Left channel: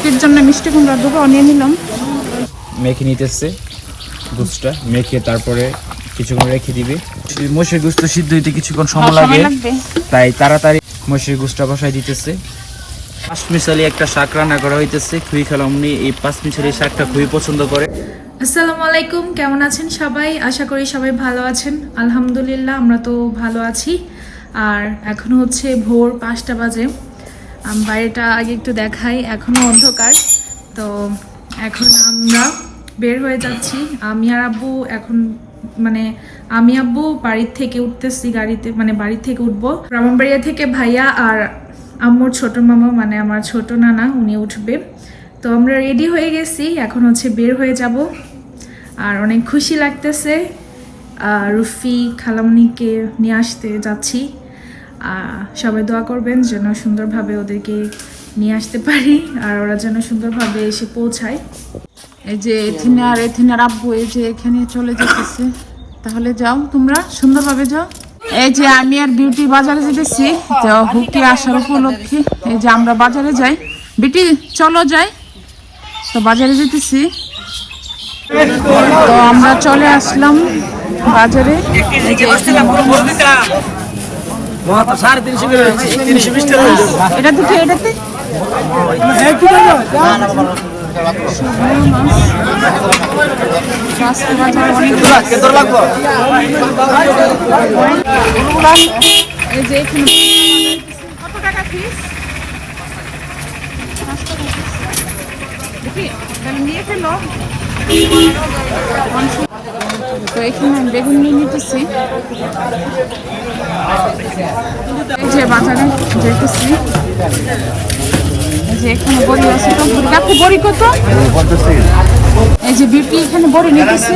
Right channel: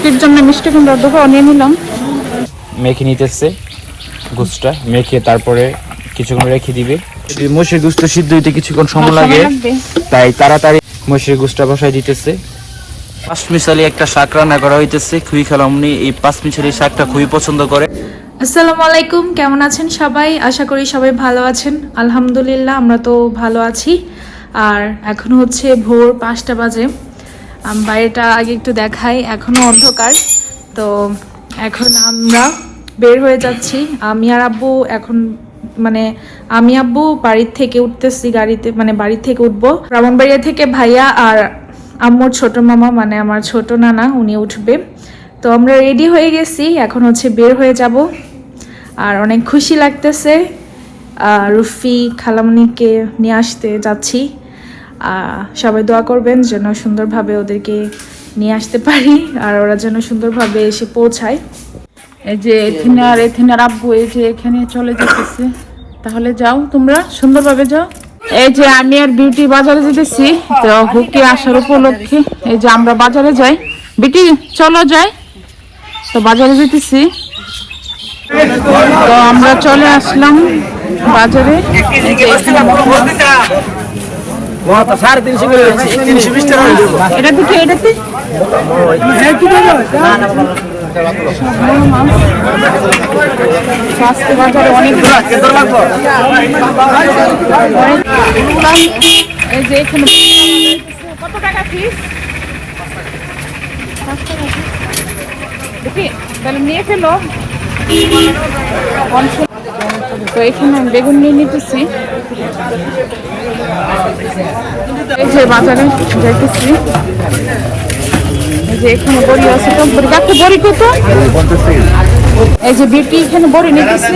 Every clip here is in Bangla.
খুকির জন্য মিষ্টি কুমড়া ডোকা নিয়ে নিলাম। মেখে নিতেছে গুছটা মেখে তারপরে কিছুক্ষণ রেখে দিবে। মসির গুছটা সিদ্ধ হইতে কিছুক্ষণ সময় লাগে তাই তাড়াতাড়ি মসির গুছটা বসাই দিতেছে। পাঁচ মিশালি একটা শাক রান্না করা হইতেছে খুবই খালামনি এই পাঁচ মিশালি শাকটা খুবই পছন্দ করে। আসসালামু আলাইকুম কেমন আছেন সবাই? আশা করি সবাই ভালো আছেন। আলহামদুলিল্লাহ আমরা তো ভালো আছি। আর এখন হচ্ছে ভোর পাঁচটা বাজে। বাইরেটা আগে একটু দেখাই, এখনও অন্ধকার। তো এখন আমরা বের হয়ে যাচ্ছি। আমি আর আব্বু এখন মানে আমি আব্বু বাড়ির থেকে উঠতেছি, গাড়িতে মানে বাড়ির থেকে উঠবো। ব্রাহ্মণবাড়িয়া থেকে ভাইয়া আর আম্মুর ছোট মামা মানে আমার ছোট নানা, উনি উঠবে। তো আমরা রেডি হয়ে গেছি, এখন হচ্ছে বের হয়ে যাব। আর অনেক খুশি লাগতেছে। রুফি খালামনিকে নিয়ে আসতে যাচ্ছি। সবাই দোয়া করবেন যেন সুন্দরভাবে ওদেরকে নিয়ে আসতে পারি আর ওরা যেন সুন্দরভাবে এসে পৌঁছায়। এই যে এথিনে আর এথিনার আব্বু এই যে এখানে চলে যেতেছে। তাহলে যাও তোমরা, সুন্দরভাবে যাও। এই যে আমি আর বিউটি বাজারে যেতেছি, তো হুকে আসার উপলক্ষে। এই যে আমরা বাজারে যাই। বিটি চলো যাই। তো বাজারে যেতেছি। তো আমরা চলে আসলাম বাজারে। যে এখানে এটা থেকে এটাতে স্বাস্থ্য বাজারে অনেক অনেক এই যে এখানে কত টাকা ফিস দেখি তাহলে নিয়ে ফেলো। তো এখানে আমি বেগুন নিয়ে নিতেছি। এই যে বাজারে যাইতেছি। এই যে এখানে বড়ি আছে তো। বড়ি কাছে বড়ি কত? এই যে বিটি এখানে বড়ি নিতেছি।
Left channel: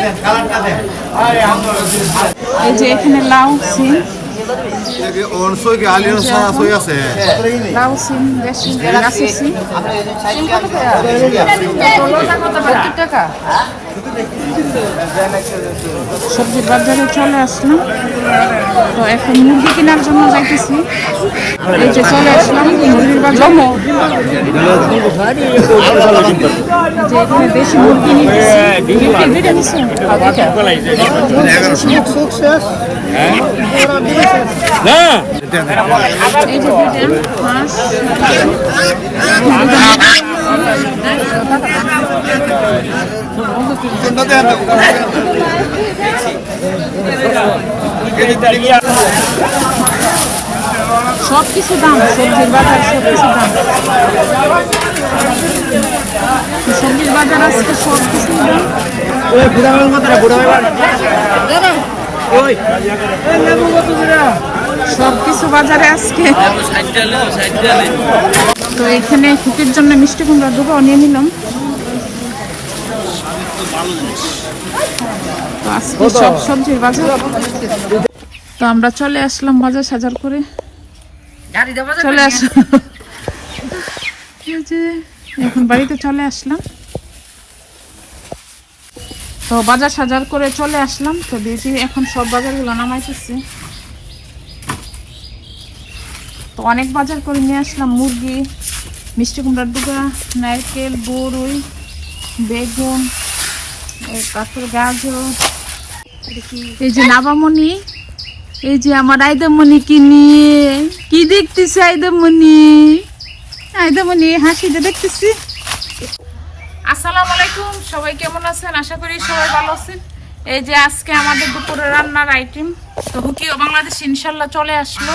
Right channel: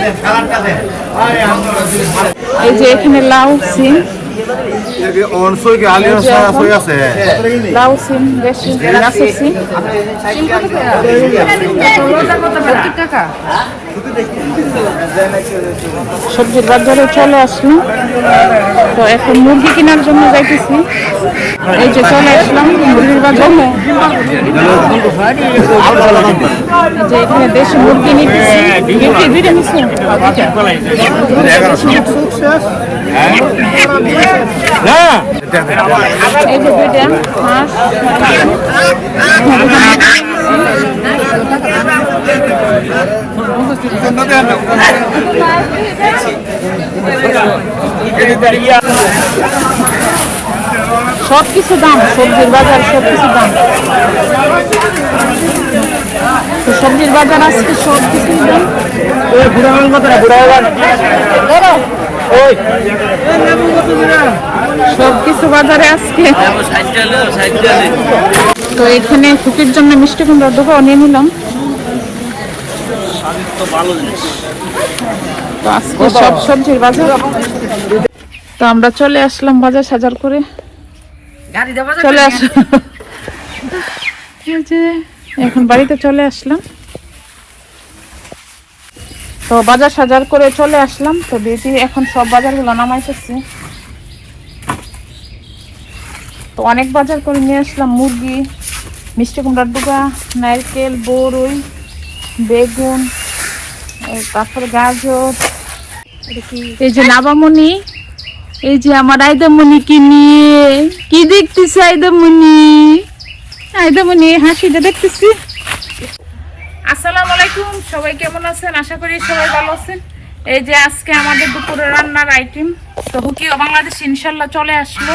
এই যে এখানে লাউ, সিম। অনসইকে আলিয়া সই আছে? লাউ সিম দেশি গাছের সিম। সবজির বাজারে চলে আসলাম। তো এখন মুরগি কেনার জন্য যাইতেছি। এই যে চলে আসলাম মুরগির বাজারে। যে এখানে দেশি মুরগি নিতেছি। দুইটা এই যে দুইটা মাছ সব কিছু দাম সবজির বাজার সব কিছু দাম। সবজির বাজার আজকে সব কিছু দাম সব কিছু বাজারে আজকে। তো এখানে খুকির জন্য মিষ্টি কুমড়ার ডোকাও নিয়ে নিলাম। তো আজকে সব সবজির বাজার। তো আমরা চলে আসলাম বাজার সাজার করে। চলে আসলাম। এখন বাড়িতে চলে আসলাম। তো বাজার সাজার করে চলে আসলাম। তো বেটি এখন সব বাজারগুলো নামাইতেছি। তো অনেক বাজার করে নিয়ে আসলাম। মুরগি, মিষ্টি কুমড়ার ডুগা, নারকেল বড়ই বেগুন তারপরে গাজর, এই যে নাবামণি এই যে আমার আইদামণিকে নিয়ে, কি দেখতেছি আইদামণি আইদামণি হাসিটা দেখতেছি। আসসালামু আলাইকুম সবাই কেমন আছেন? আশা করি সবাই ভালো আছেন। এই যে আজকে আমাদের দুপুরে রান্নার আইটেম তো হুকিও বাংলাদেশ ইনশাল্লাহ চলে আসলো।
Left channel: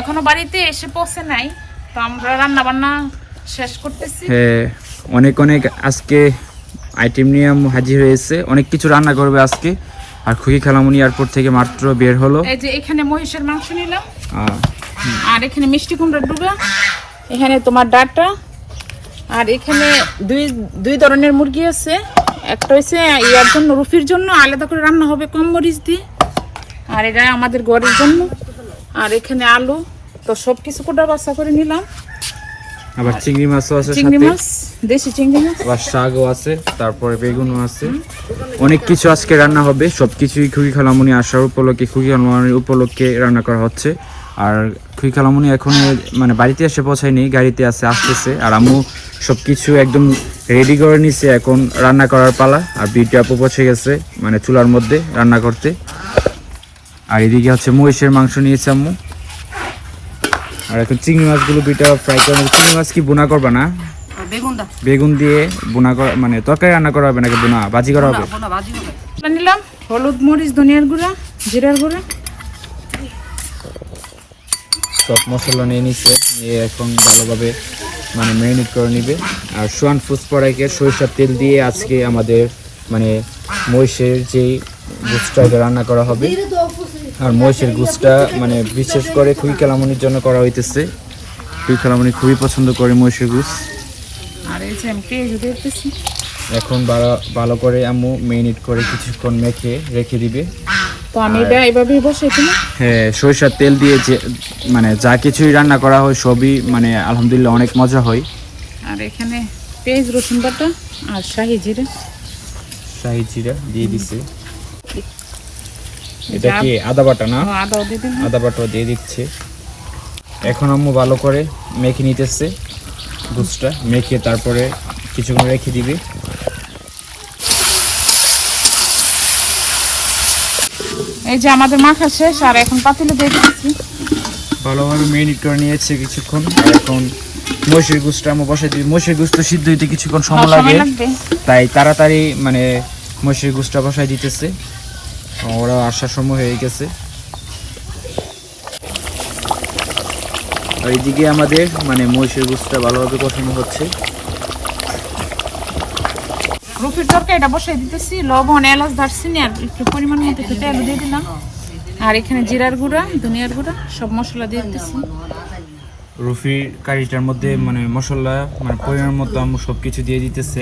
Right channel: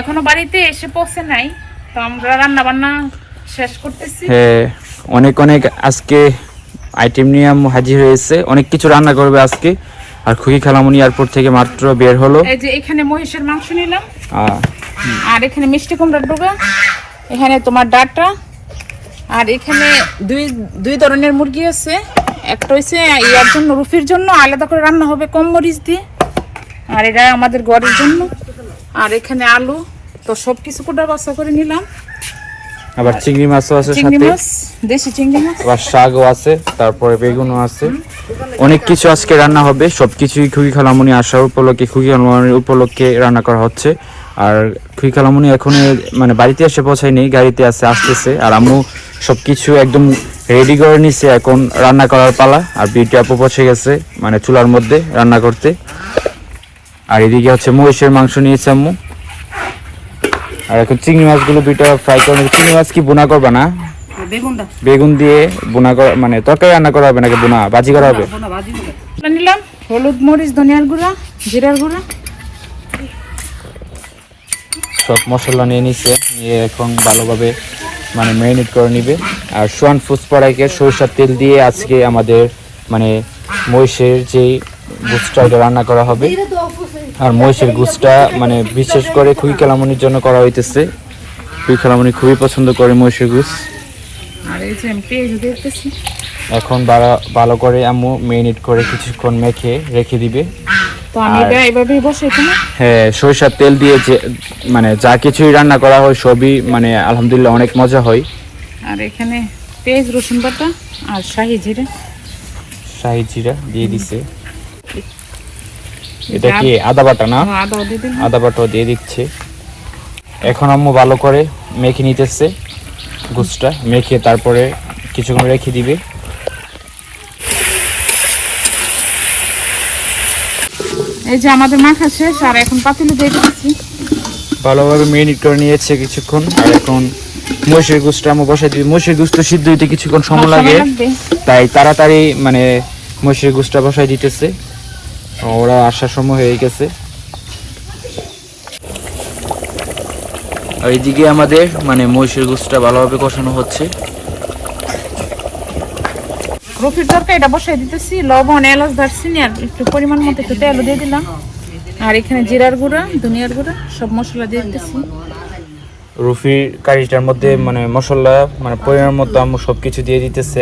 এখনও বাড়িতে এসে পৌঁছে নাই তো আমরা রান্না বান্না শেষ করতেছি। হ্যাঁ অনেক অনেক আজকে আইটেম নিয়ে হাজির হয়েছে। অনেক কিছু রান্না করবে আজকে। আর খুকি খালামুনি এয়ারপোর্ট থেকে মাত্র বের হলো। এই যে এখানে মহিষের মাংস নিলাম। আর এখানে মিষ্টি কুমড়ার ডোকা এখানে তোমার ডাটা। আর এখানে দুই দুই ধরনের মুরগি আছে। একটা হচ্ছে ইয়ার জন্য রুফির জন্য আলাদা করে রান্না হবে কম মরিচ দিয়ে। আর এটা আমাদের ঘরের জন্য। আর এখানে আলু তো সব কিছু কুটা বাসা করে নিলাম। আবার চিংড়ি মাছও আছে চিংড়ি মাছ দেশি চিংড়ি মাছ। আবার শাকও আছে তারপরে বেগুনও আছে। অনেক কিছু আজকে রান্না হবে সবকিছুই খুবই খালামুনি আসার উপলক্ষে খুবই খালামুনির উপলক্ষে রান্না করা হচ্ছে। আর খুই খালামুনি এখন মানে বাড়িতে এসে পৌঁছায়নি গাড়িতে আছে আসতেছে। আর আম্মু সবকিছু একদম রেডি করে নিছে এখন রান্না করার পালা। আর বিউটি আপু পৌঁছে গেছে মানে চুলার মধ্যে রান্না করতে। আর এদিকে হচ্ছে মহিষের মাংস নিয়েছে আম্মু। আর এখন চিংড়ি মাছগুলো বিটা ফ্রাই করে চিংড়ি মাছ কি বোনা করবা না? বেগুন দিয়ে বোনা করা মানে তরকারি রান্না করা হবে নাকি বোনা? বাজি করা হবে? হবে। নিলাম। হলুদ মরিচ ধনিয়ার গুঁড়া জিরার গুঁড়া। সব মশলা নিয়ে নিচ্ছে নিয়ে এখন ভালোভাবে মানে ম্যারিনেট করে নিবে। আর সোয়ান ফুসপড়াইকে সরিষার তেল দিয়ে আজকে আমাদের মানে মহিষের যেই গুসটা এটা রান্না করা হবে। আর মহিষের গুসটা মানে বিশেষ করে খুই খেলামনির জন্য করা হইতেছে। খুই খেলামনি খুবই পছন্দ করে মহিষের গুস যে এখন ভালো ভালো করে আম্মু মেরিনেট করে কিছুক্ষণ মেখে রেখে দিবে। হ্যাঁ সরিষার তেল দিয়ে যে মানে যা কিছুই রান্না করা হয় সবই মানে আলহামদুলিল্লাহ অনেক মজা হয়। আর এখানে পেঁয়াজ রসুন বাটা আর শাহি জিরে। শাহি জিরা দিয়ে দিছে। এটা কি আদা বাটা না? দিলাম। আদা বাটা দিয়ে দিচ্ছে। এখন আম্মু ভালো করে মেখে নিতেছে। গুসটা মেখে তারপরে কিছুক্ষণ রেখে দিবে। এই যে আমাদের মাখা শেষ আর এখন পাতিলে দিয়ে দিচ্ছি। ভালোভাবে মেরিনেট করে নিয়েছে কিছুক্ষণ আর এখন মহিষের আম্মু বসাই দিবে মহিষের সিদ্ধ হইতে কিছুক্ষণ সময় লাগে। তাই তাড়াতাড়ি মানে মহিষের গুসটা বসাই দিতেছে। ওরা আসার সময় হয়ে গেছে। আর এদিকে আমাদের মানে মহিষের গুসটা ভালোভাবে কষানো হচ্ছে। রুফির তরকারি এটা বসাই দিতেছি লবণ এলাচ দারচিনি আর একটু পরিমাণ মতো একটু তেল দিয়ে দিলাম। আর এখানে জিরার গুঁড়া ধনিয়ার গুঁড়া সব মশলা দিয়ে দিতেছি। রুফি কারিটার মধ্যে মানে মশলা মানে পরিমাণ মতো আম্মু সব কিছু দিয়ে দিতেছে।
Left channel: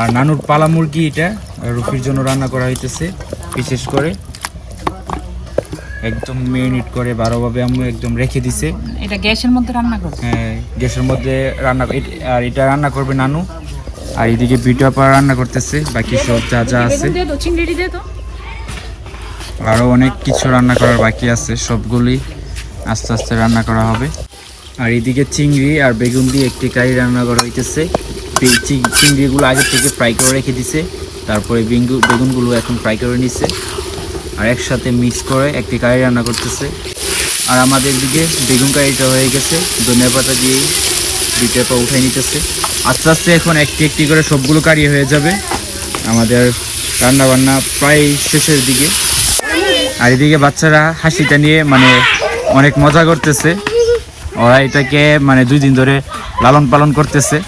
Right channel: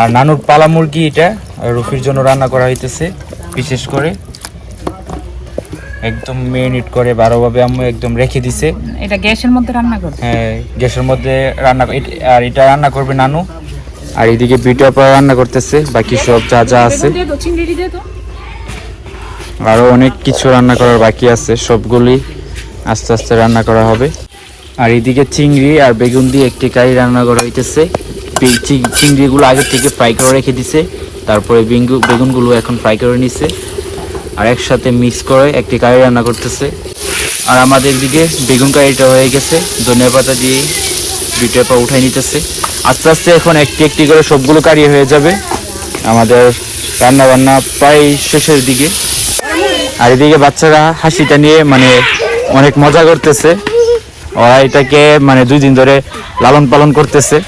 আর নানুর পালা মুরগি এটা রুফির জন্য রান্না করা হইতেছে বিশেষ করে। একদম মেরিনেট করে ভালোভাবে আম্মু একদম রেখে দিছে। এটা গ্যাসের মধ্যে রান্না করব। হ্যাঁ গ্যাসের মধ্যে রান্না আর এটা রান্না করবে নানু। আর এদিকে বিটা পা রান্না করতেছে বাকি সব যা যা আছে। দিয়ে তো চিংড়ি দিয়ে তো। আরও অনেক কিছু রান্না করার বাকি আছে সবগুলি আস্তে আস্তে রান্না করা হবে। আর এদিকে চিংড়ি আর বেগুন দিয়ে একটি কারি রান্না করা হইতেছে। চিংড়িগুলো আগে থেকে ফ্রাই করে রেখে দিছে তারপরে বেঙ্গু বেগুনগুলো এখন ফ্রাই করে নিছে। আর একসাথে মিক্স করে একটি কারি রান্না করতেছে। আর আমাদের দিকে বেগুন কারিটা হয়ে গেছে ধনিয়া পাতা দিয়ে বিটে পা উঠাই নিতেছে। আস্তে আস্তে এখন একটি একটি করে সবগুলো কারি হয়ে যাবে। আমাদের রান্না বান্না প্রায় শেষের দিকে। আর এদিকে বাচ্চারা হাসিটা নিয়ে মানে অনেক মজা করতেছে। ওরা এটাকে মানে দুই দিন ধরে লালন পালন করতেছে।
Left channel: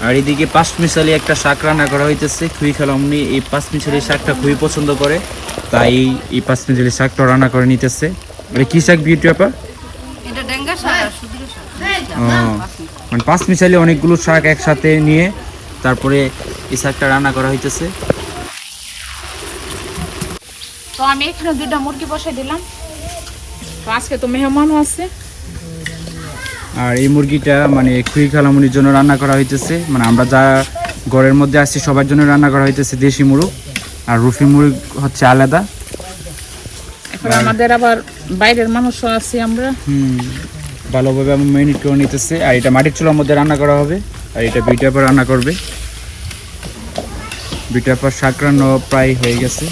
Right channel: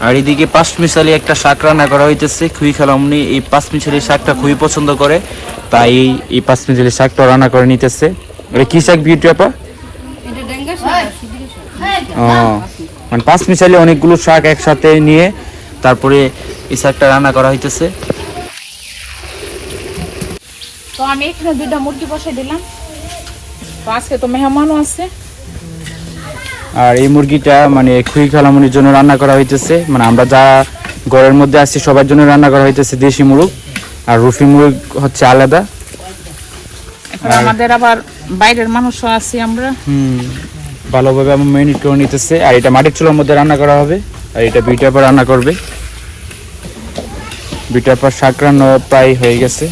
আর এদিকে পাঁচ মিশালি একটা শাক রান্না করা হইতেছে। খুবই খেলামনি এই পাঁচ মিশালি শাকটা খুবই পছন্দ করে। তাই এই- এই পাঁচ মিশালি শাকটা রান্না করে নিতেছে। এটা কি শাক বিউটি আপা? এটা মানে পাঁচ মিশালি অনেকগুলো শাক একসাথে নিয়ে তারপরে এই শাকটা রান্না করা হইতেছে। তো আমি এখানে দুইটা মুরগি বসাই দিলাম। তো আজকে তো মেহমানও আছে। আর এই মুরগিটা মানে খুই খালামনির জন্য রান্না করা হইতেছে। মানে আমরা যা ঘরের মধ্যে আছি সবার জন্য রান্না করা হইতেছে দেশি মুরগ। আর রুফি মুরগ হচ্ছে আলাদা। আমাদের আবার বাইরের মানুষও আছি আমরা। হুম। ভালোভাবে আমার মেরিনেট করে নিতেছে। আর এটা মাটির চুলার মধ্যে রান্না করা হবে। আর এটা বিটার পর রান্না করবে। বিটার পর শাক রান্না প্রায় হয়ে গেছে।